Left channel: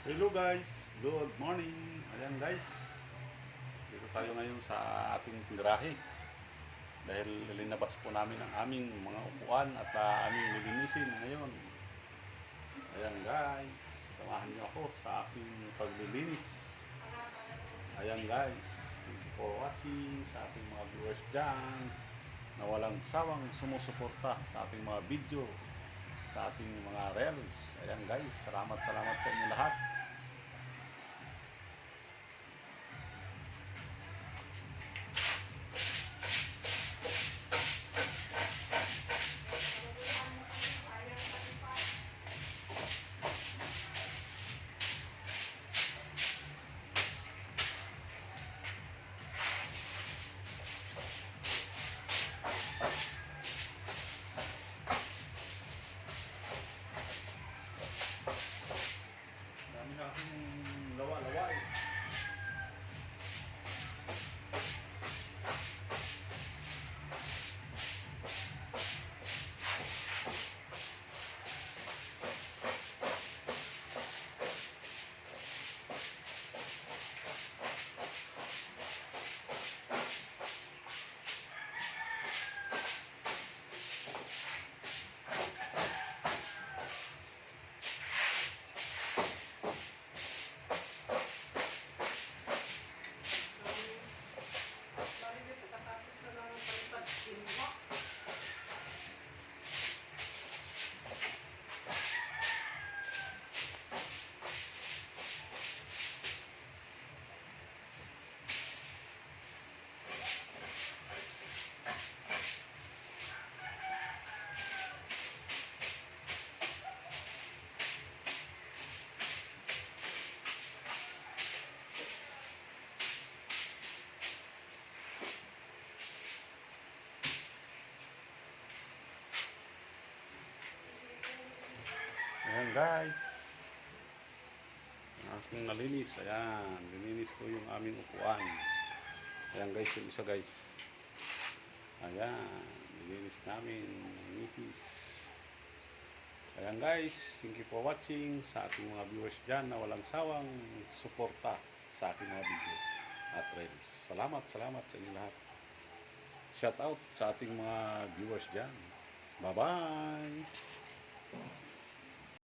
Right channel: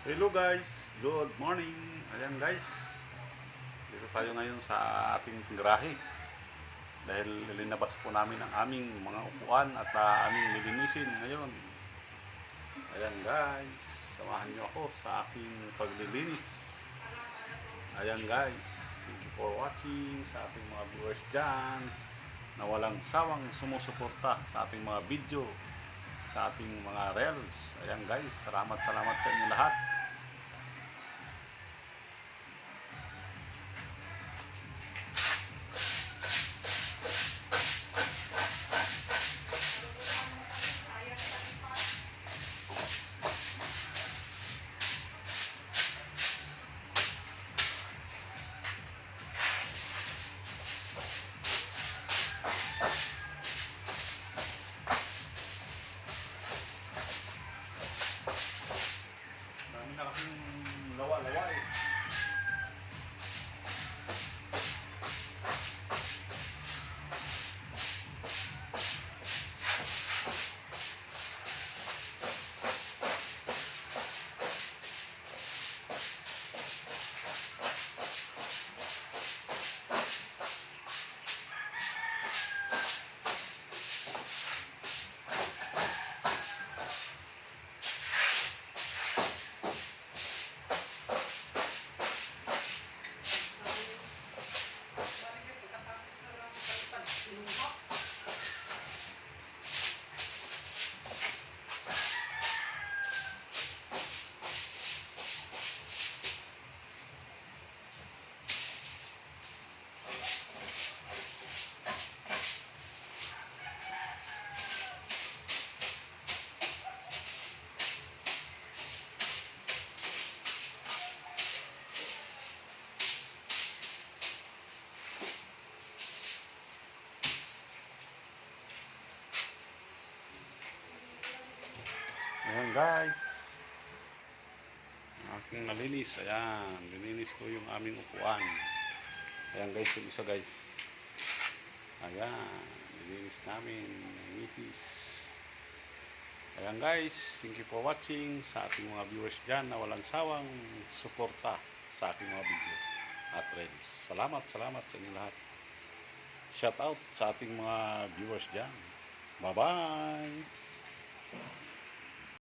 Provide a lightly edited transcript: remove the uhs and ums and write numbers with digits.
Hello guys, good morning. Ayan guys, dito tayo ngayon sa ating garahe dahil linabas po namin ang aming mga upuan at aming lilinisin ngayon. Ayan guys, samahan niyo ako sa aking paglilinis. Ayan guys, thank you for watching sa ating mga viewers dyan na walang sawang sumusuporta sa ating mga video, sa ating mga reels. Ayan guys, salamat sa inyo lahat. Dami na kasing lawa-lawa eh. Ayan guys, aking nalinis. Ayan, lininis ko yung aming upuan. Ayan guys, yung isa guys. Ayan, nilinis namin ng misis. Ayan guys, thank you for watching sa ating mga viewers dyan na walang sawang suporta sa aking mga video at reels. Salamat sa inyo lahat. Shout out sa ating mga viewers dyan. Bye bye.